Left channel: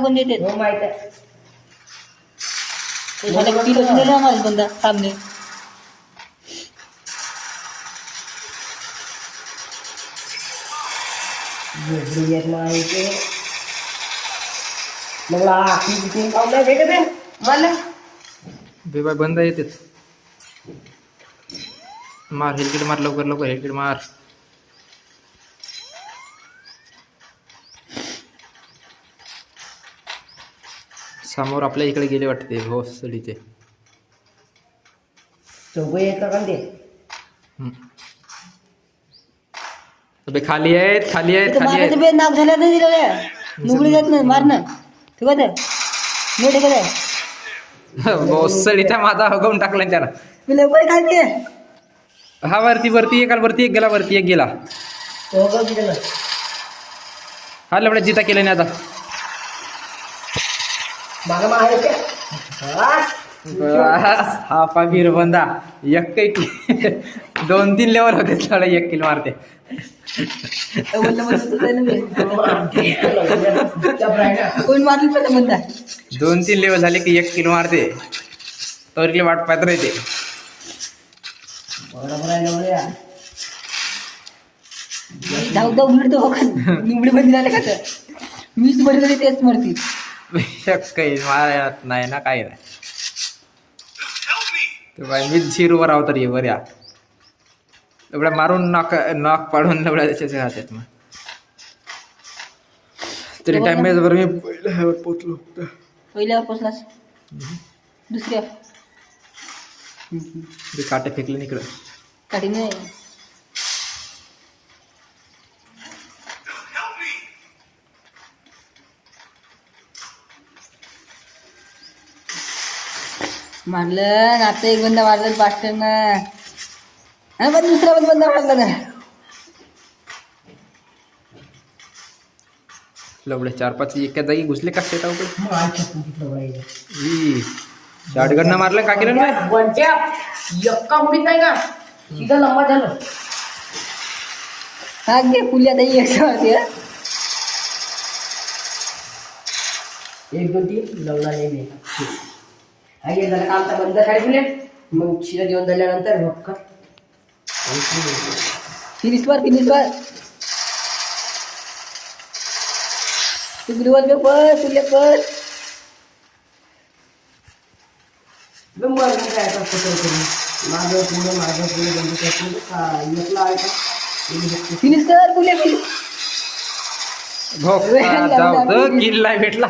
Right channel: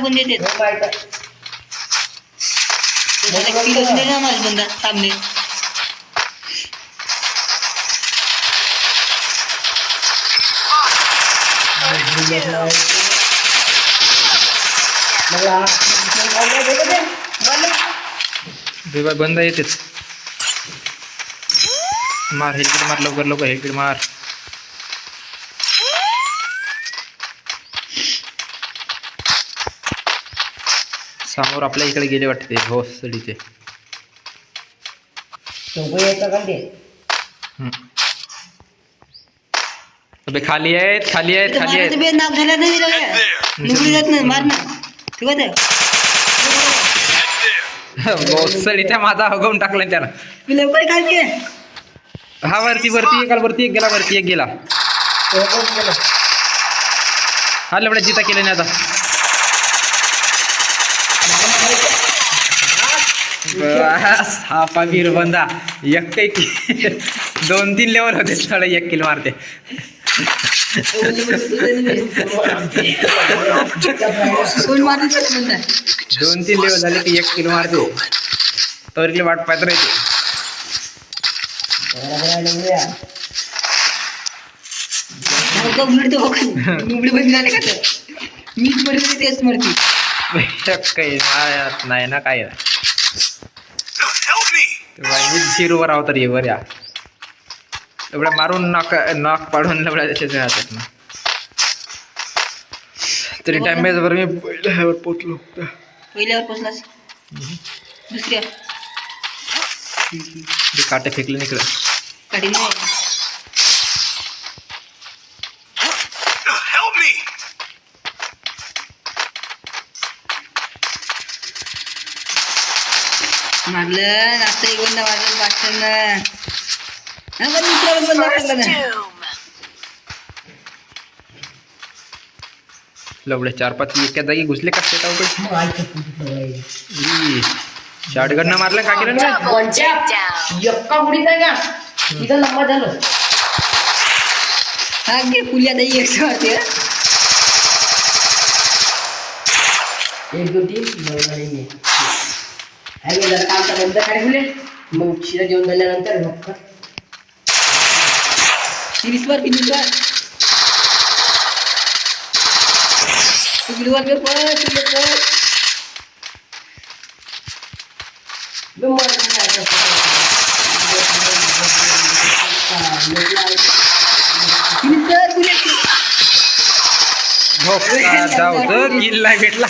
पण देते हो माहित आहे. झालं किलोच नेलं आम्हाला बंदा सामने बेबा बंद येतेच मार हेल्किट मार लवकर लवकर हेल्किट मार समोर आपल्या इकडे गेले वाटते भोसडीचे अबे खाली आहेत खाली आहेत खाली आहेत बेद नाक झाल्या नाही निवडी जात नाही मारणं ठीक आहे भोसडीच्या माझा हगवून टाकला त्यानं मी लवकर खालते हा वरती वरती एकाला वरती एक गेला वरती एक गेला हा लवड्या जिता केलं नाही आता बस हा पाबीर बंदा एक की 2-3 लेवल होते थोडं 1 किल मारते 2-3 लेवल झाले की 1 किल मारते तर वाट पाहत राहते निवडी बंद झाले का तर मीच बरी तेच मरती काही मारत नाही ना काय नाही मी 0 वर आहो तर ये बऱ्या एवढ्या मारून नॉक पाडून एवढ्या त्याच्या राहतात ना तरी डॅमेज वर मी पहिल्यावर पोचलो पहिल्यावर पोचलास दुसऱ्या काटे फेकले निकडं काठी नाही मारलं आता एक बंदा मारलं पाचशे ना हा पण दुसरा पण बंदा मारला ना लवड्या 4-5 एका जागी घुसले का शेता शॉटगन मारलं का केलं ना यक्का मुडीत नाही का इथं लंबा झालं हा घे फुली आता एक मारते 1 2 3 लावला नाही मी आणि जर काम बंद काढले मग शिरा जेवण झाल्यानंतर मग फिनिश वर तू गिलवर कर पर जाऊ तर किल नाही भेटला